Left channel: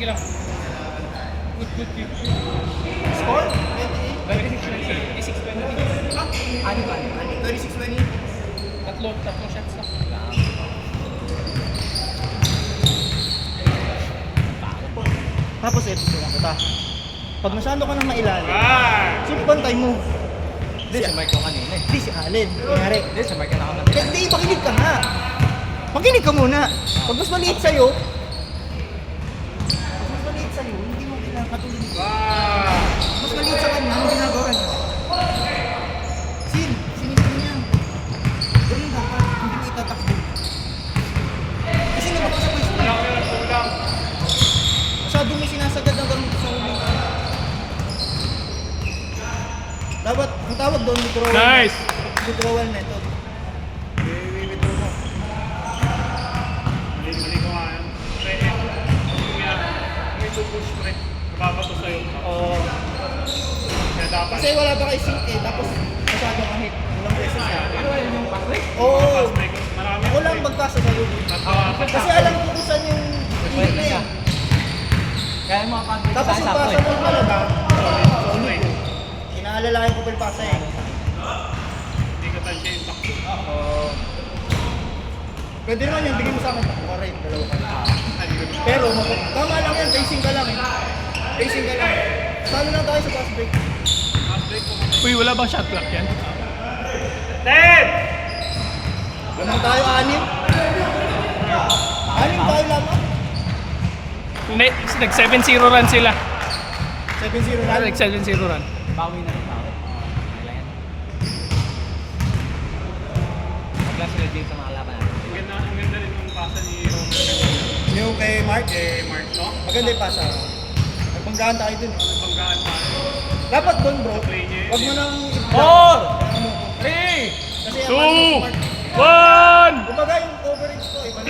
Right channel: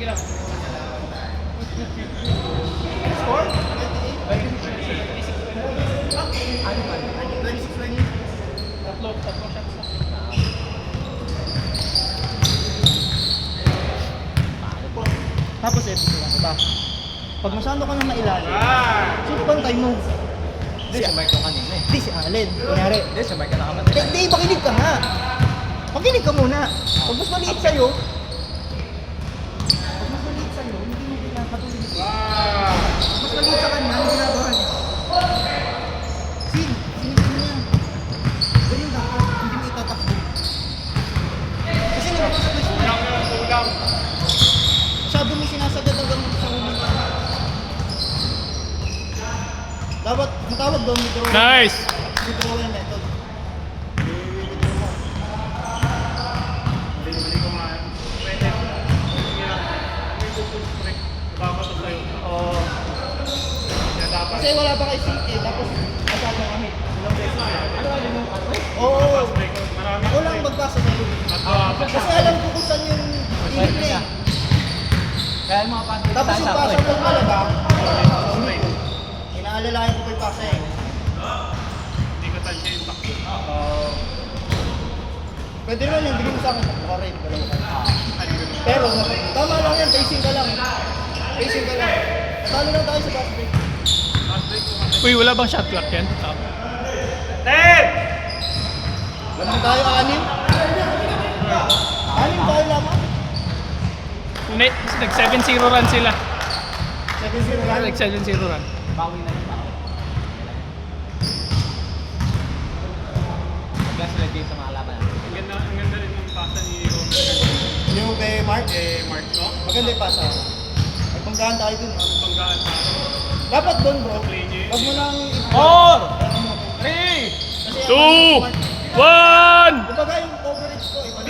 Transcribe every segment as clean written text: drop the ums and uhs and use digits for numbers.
Sige lang. Score? 26-20. Tatlong shots. Tapos ito kita. Pag masyado ka nang mailalim, sino bantay mo? Hindi, si Mark yung kanina eh. Hindi si Allen. Kunyari. Hindi, si Mark yung nakabantay na. Hindi, makinig ka nga. Makinig ka muna. Pag mas maliit sa'yo, hindi mo pinapatuloy. Mas maliit sa kanya, ang ginagawa niya. Sinipin mo yan. Ganun dapat, hindi mo itatakbo. Kasi naman, Kulang. masyado may sinasagad ang ganun sa ulo. Dapat, ang tawag doon, withdrawal. Nice! Withdrawal method. Bili ko nga. May tubos pre. Babato sa'yo. Oo. Kaya dapat. Kasi wala pa kay sync eh, tapos masyado ang hit. Walang beses eh. Oo. Marami Ako lang magpasa sa loob. Kasi alam ko kung saan yung Pwede na hit siya. eh. Kaya mga pag-dito Tapos tayo yung sakto pasa eh. ng talaga, inaalalahin ko pa yung pasa eh. Hindi ka tansya yung takbo. Pwede naman yung bigyan mo sa akin, takbo ka rin, dalawa ka. Pero tama lang yan, pacing ka lang. Pacing ka lang. Salo lang tayo sa fast break. Uy, wala bang shot clock yan? Wala tayo, anim. Anim tayo lang. Nag 7-0 run sila. 7-0 lang. Nag 7-0 run. Pagka sila dito mga laban natin. Ang ganda rin yung pasa ni Roman. Yung kay Mark, Mark, no? maganda yung pasa. Magpanggahan tayo dun. Nagpanggaan pa. Dapat doon bro, wag mo nang... 4! 3! Kasi Two! ang- 1! Kumbaga yung coverage ko, iba na.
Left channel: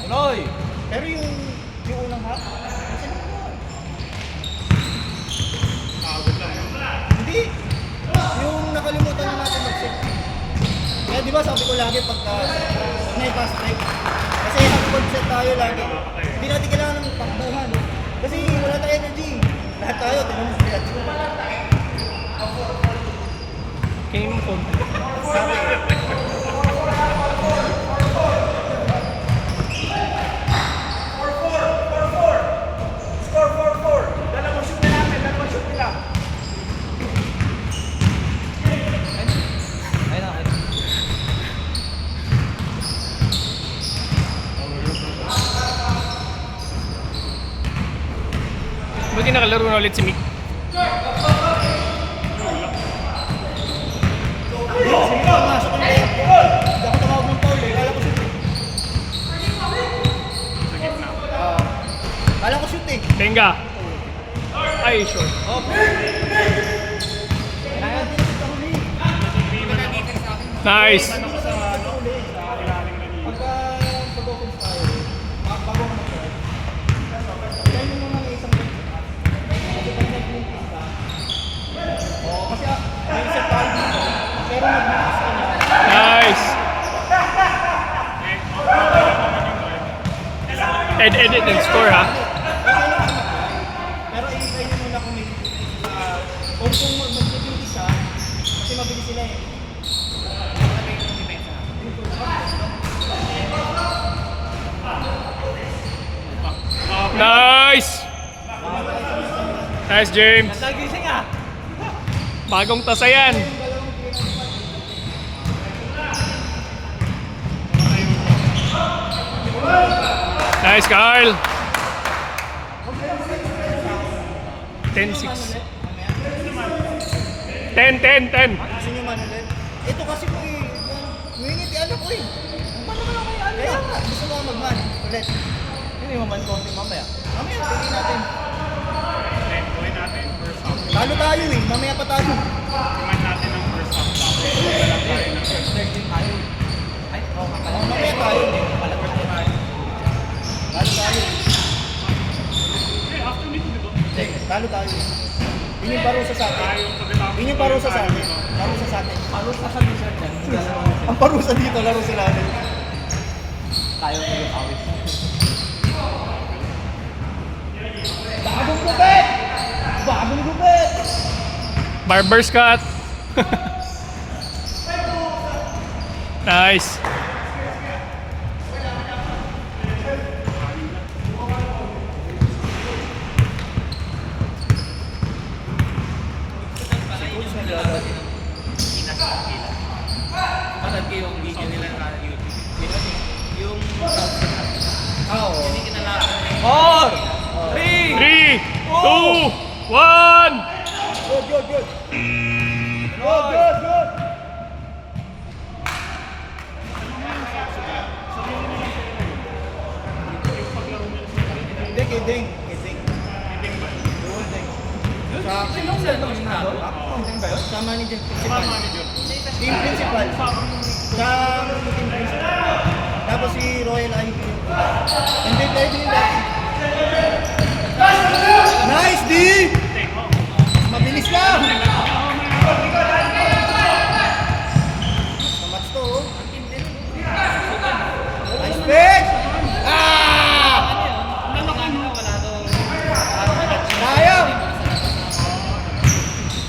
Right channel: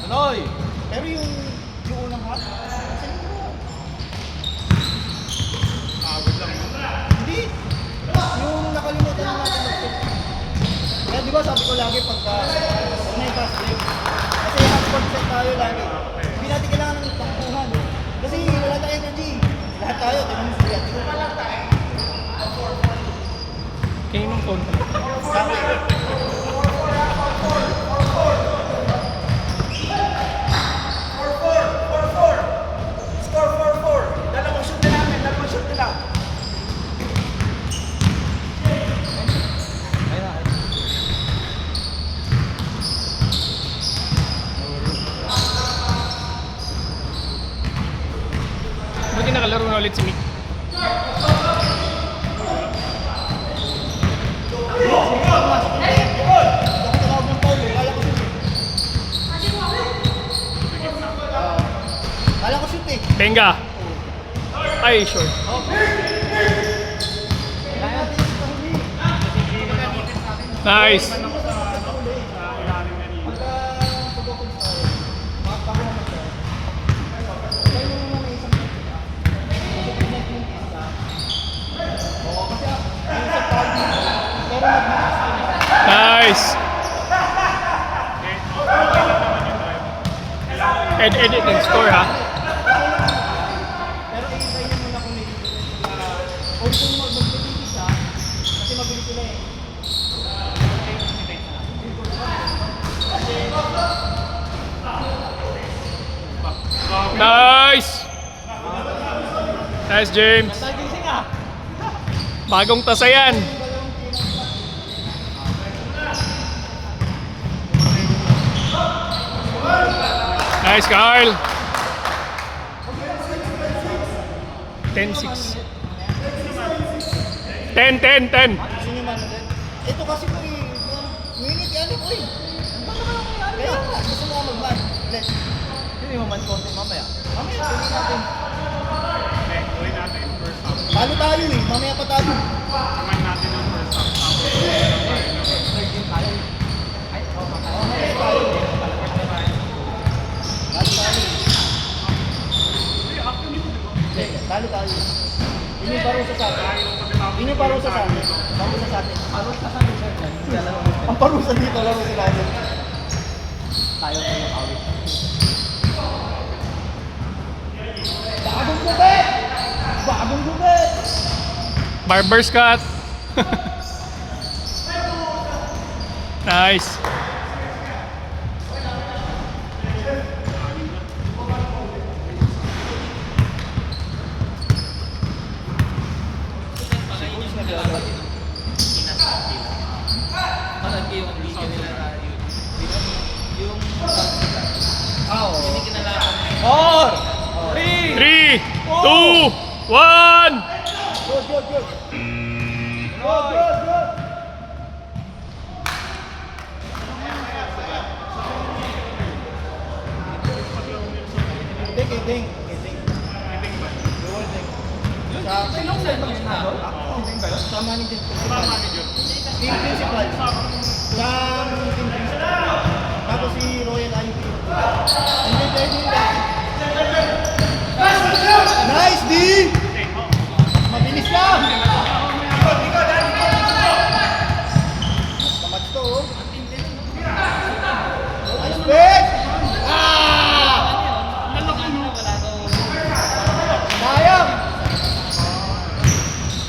Tuloy! Pero yung unang half, kasi Pagod lang. hindi. Yung nakalimutan na natin mag-set. Kaya di ba sabi ko lagi pagka may pass break, kasi habang set tayo lagi, hindi natin kailangan ng takbuhan. Kasi wala tayong energy. Lahat tayo, tanong mo sila. Kaninong phone? Ayun, ayun. Buti nakalaro na ulit si Mick. Kasi pumasok yung net. Hindi ako tumawag ng foul, kala ko shoot eh. Kala ko shoot eh. Benga. Ay, sure. Kaya? Nice. Nice. Edit and score ha. Pero i-try nyo muna kung may difference sa... Kung mag-defend siya, kasi mabilis sila eh. Nice. Nice, James. Nagising ah! Bagong tasa yan. Nice, Carl. 10-6. 10-10-10. Gusto nyo man ulit. Ito kasi po eh, minute ano ko eh. Ang paano ka lang kaya ano yan? Gusto mo nga mag-ban. Ulit. Hindi mo man konti mamaya. Mamaya, tuloy natin. Gawin natin first half. Talo tayo eh, mamaya pa tayo. Kumain natin ang first half. Mamaya tayo. Talo tayo. Talo tayo. Yun yung parusa sa atin. Yun yung parusa sa atin. Parusa sa atin. Ang parusa dito, laro sila natin. Tayo Barber's cut. Nice. Parang yung video nila na yung Oo. 4, 3, 3, 2, 1. Good, good, good. Good, good, good. Ding, ding, ding. Sinong cellphone yun na doon? Hindi ba yun? Sa manager. Team principal. Sa team principal. Tapos si Royal Ivy. And then pwede nila. Nice, D! Mabilis lang! Kamats to, oh. Nice, bet! Ah! Sayang!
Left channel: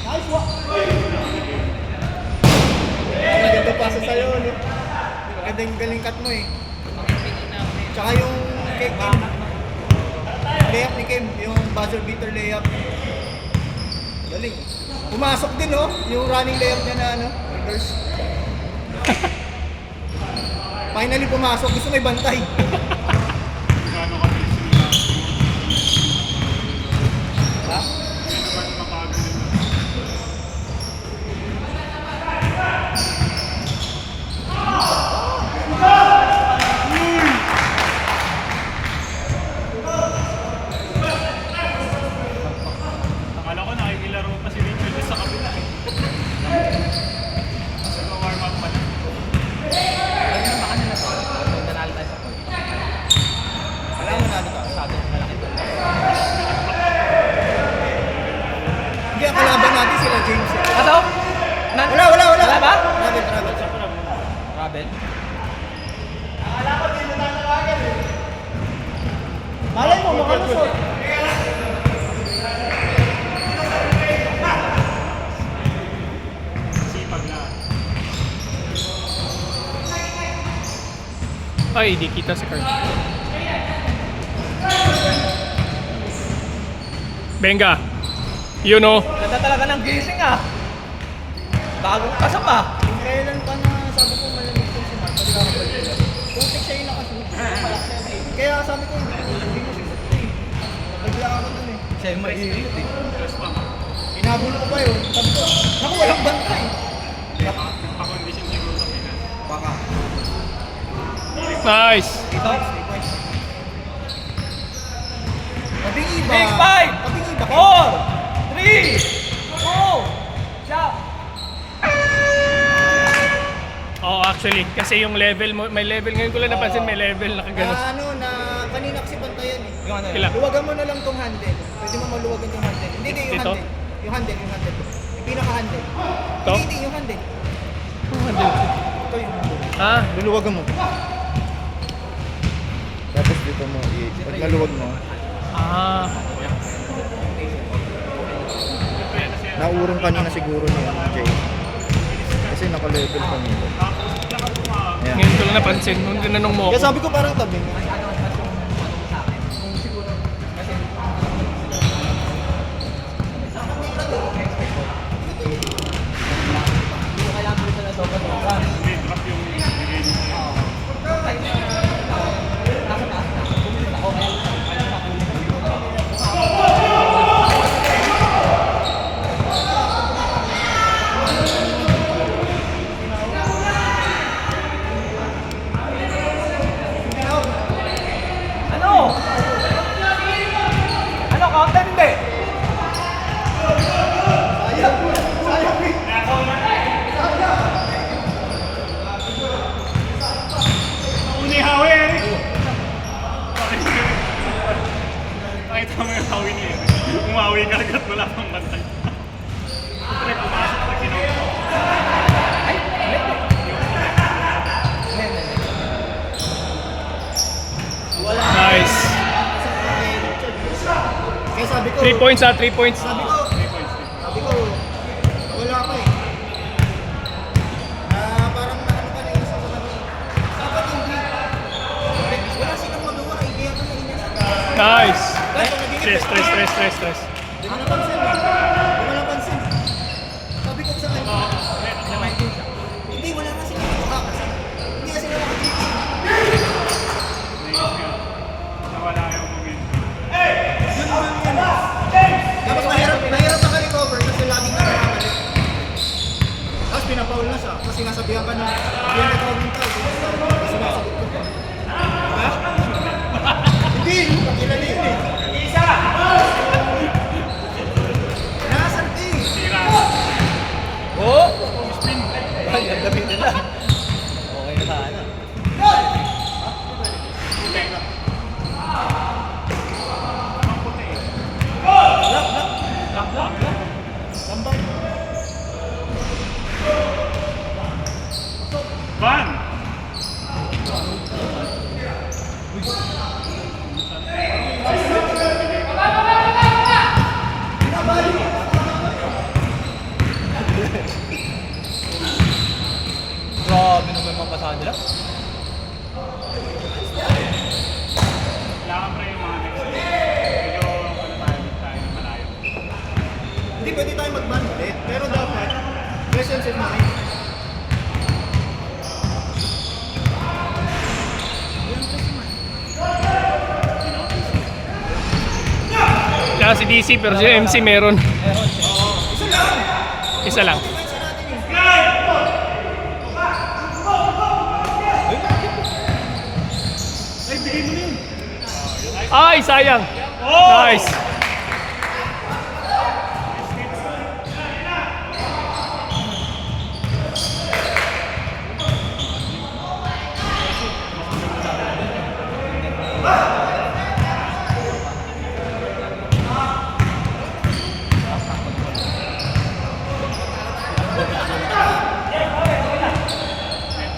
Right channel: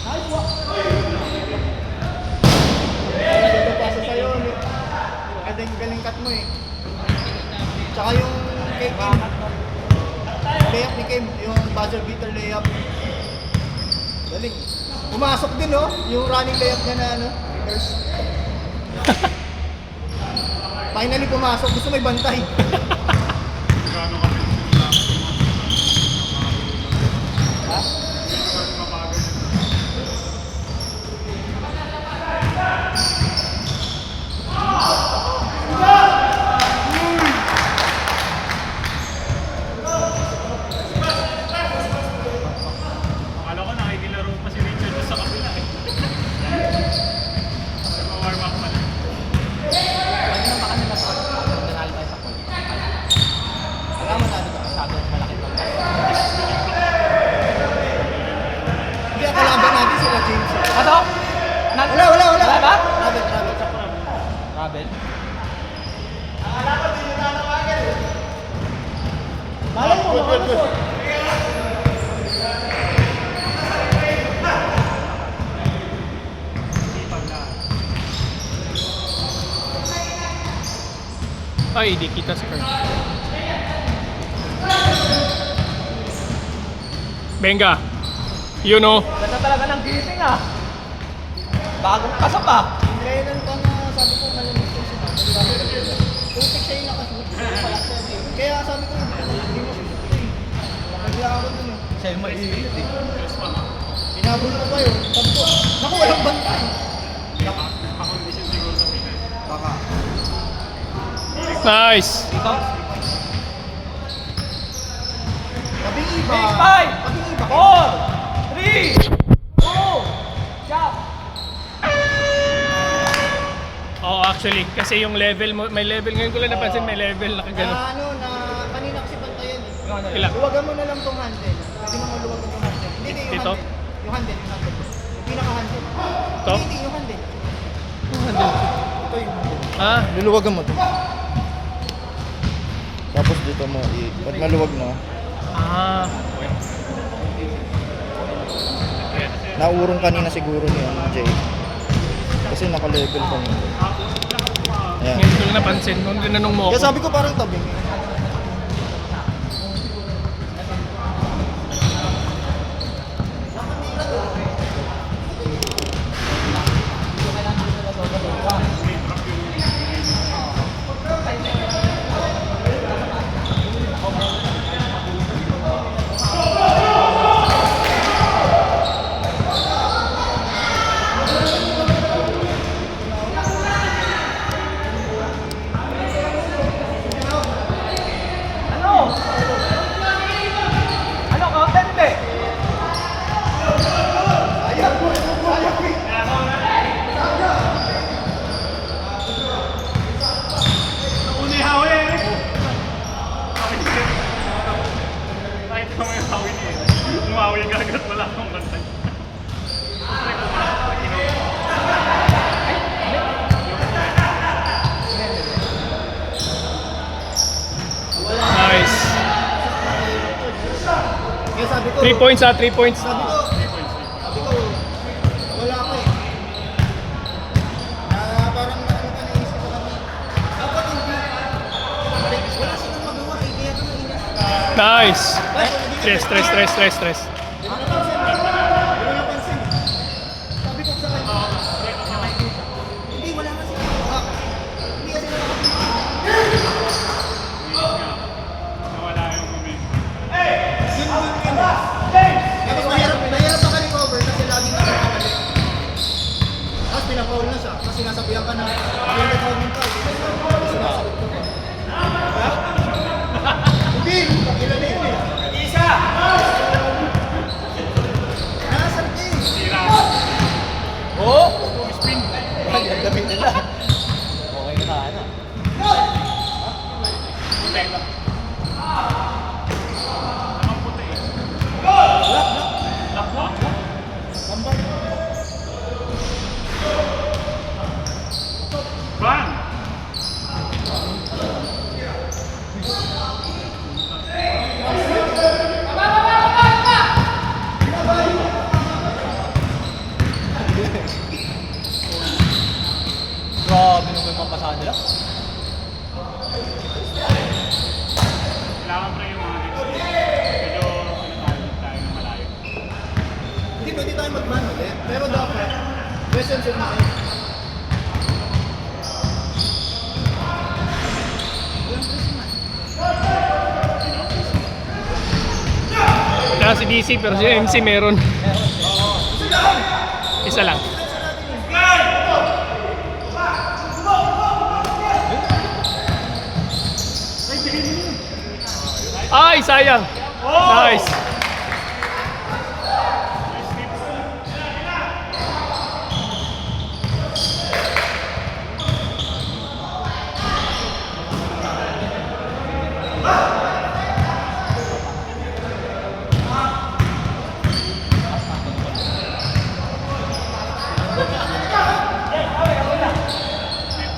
Nice, walk! Maganda pasa sa'yo, no? Magandang galing cut mo, eh. Tsaka yung cake layup ni Kim, yung buzzer beater layup. Galing. Pumasok din, oh, yung running layup niya na ano, first. Finally pumasok, gusto may bantay. Ha? Akala ko nakikilaro pa si Richard sa kabila eh. Warm up pa lang. Pwede na ba kanila to? Kung nanalo tayo sa court, Alam mo natin ka. masyadong malaki to. Hindi, ang kalaban natin sila James. Ano? Wala, wala, wala. Wala ba? Rabbit, rabbit. Kabel? Malay mo, makalusot. Ay, di kita si Carl. Benga. You know. Ganda talaga ng gising ah. Bagong kasap ah. Kailan pa na sabi ko malamig ko siya. Putik siya yung nakasunod. Kaya sabi ko, nagla ako dun eh. Siya yung maiinit eh. Inabot ko pa yun. Sabi ko, naku, walang bantay. Pa-condition siguro sa Pinas. Baka. Nice. Ikaw? Tabing iba. Big five! Tabing iba. 4, 3, 2, shot! Oo, actually. Kasi yung level mo, may level. Ngayon ko lang napansin, may level na kagano. Na ano, na kanina kasi bantayan eh. Yung ano yun? Ilang? Luwagan mo na lang tong handle. Pwede mo maluwagan yung handle. Hindi, hindi, yung Dito? handle. Yung handle, yung handle. Yung pinaka-handle. Ito? Hindi, yung handle. Ito yung handle. Ah, Luluwagan mo to. Tapos dito mo, pag maluwag mo, ah. naurong kanina siguro ni Jay. Kasi naka-level kanina. Ayan. Ngayon ko lang napansin. Nung tinanong mo Kaya ako. sabi ko parang tabing. Ano? Ano content hindi? Uni hawi eh. Ay, ito mo yung hawi niya eh. Umawi ka agad, wala akong bantay. Nice. Kaya sabi ko, 3 points ah, 3 points. sabi ko, Nice. Stress. Hindi mo napansin. Sabi ko sa kanya. Hindi, wala kasi. Hindi kasi Nawala yung moment. Yun. Tapos mahirap na ka-recover kasi laging nakakamali. Tapos pinapaul na siya kasi nasabihan ka na hindi na tawag ng tao. Sinasagot ko pa. Ha? Hindi! Pakilala yun eh. Nasaan ka eh? Oh! Ay, ang dami nila. Okay na sana. Ban! Grabe naman yung mga pasahan nila. Kailangan pa yung mga next week. Medyo tayo malayo. Hindi pwede tayo mag-ban ulit. Pero dapat, lesson set na kayo. Wala si DC pero si MC meron. Isa lang. Ay, sayang. Nice.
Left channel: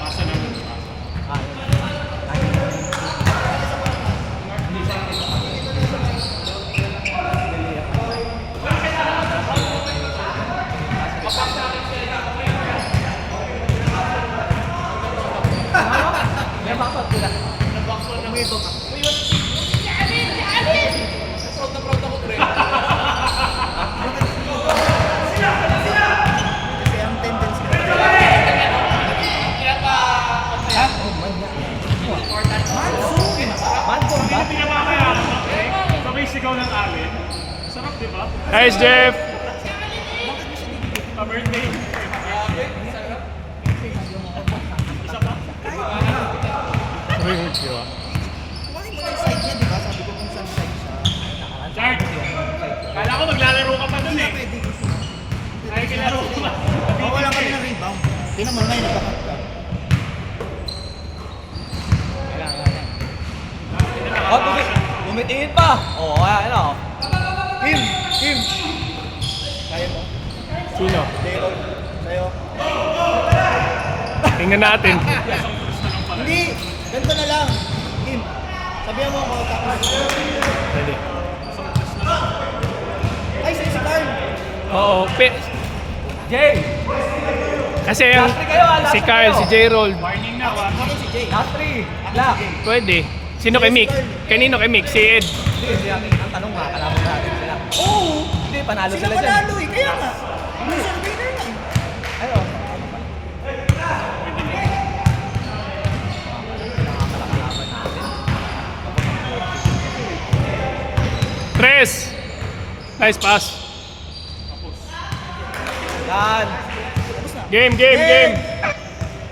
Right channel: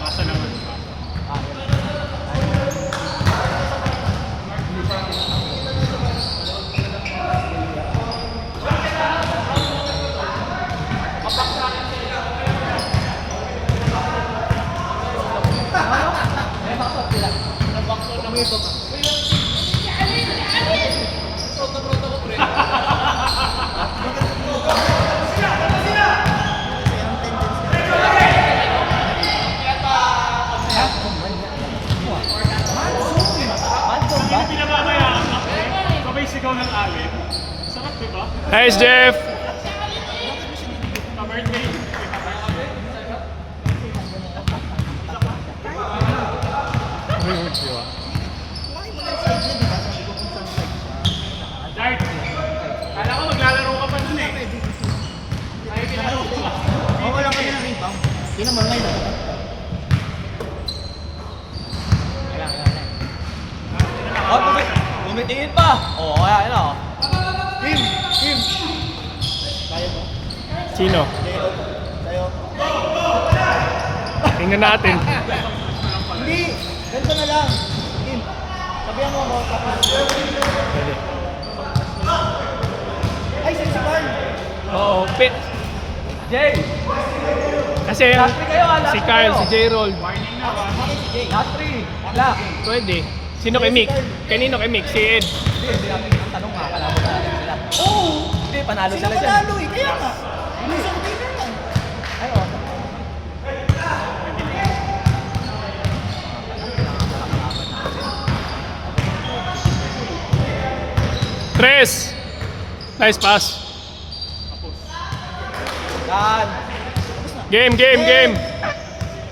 Pasa naman. May bakot sila. Kasi ang tendency Hindi pinababaya. Sabay sigaw ng alin. Sarap, di ba? Nice, Jeff! Pa-birthday. Uy, di ba? Jard, kala ko maglalaro ka pa dun eh. Ay, kilaro ko ba? ako lang kami ng rebound. Tingnan mo ngayon. Kailangan. Oh, bumitingin pa. Oo, kaya ano. Team! Tayo mo? Sino? Tayo. Tingnan natin. Hindi! Ganito na lang. Team, sabihan mo ako tapos. Pwede. Ay, si Carl! Oo, Jay! kasi yung si Kyle, si J-Roll, Bakit si Jay? Last three. Black. pwede. Sino kay Mick? Kanino kay Mick? Si Ed. Hindi, ang tanong nga, panalo natin sila. Oo! Hindi, panalo sila dyan. Panalo eh, kaya nga. Loser winner yan. Ay, oh. Tres! Nice pass. Dan. Game.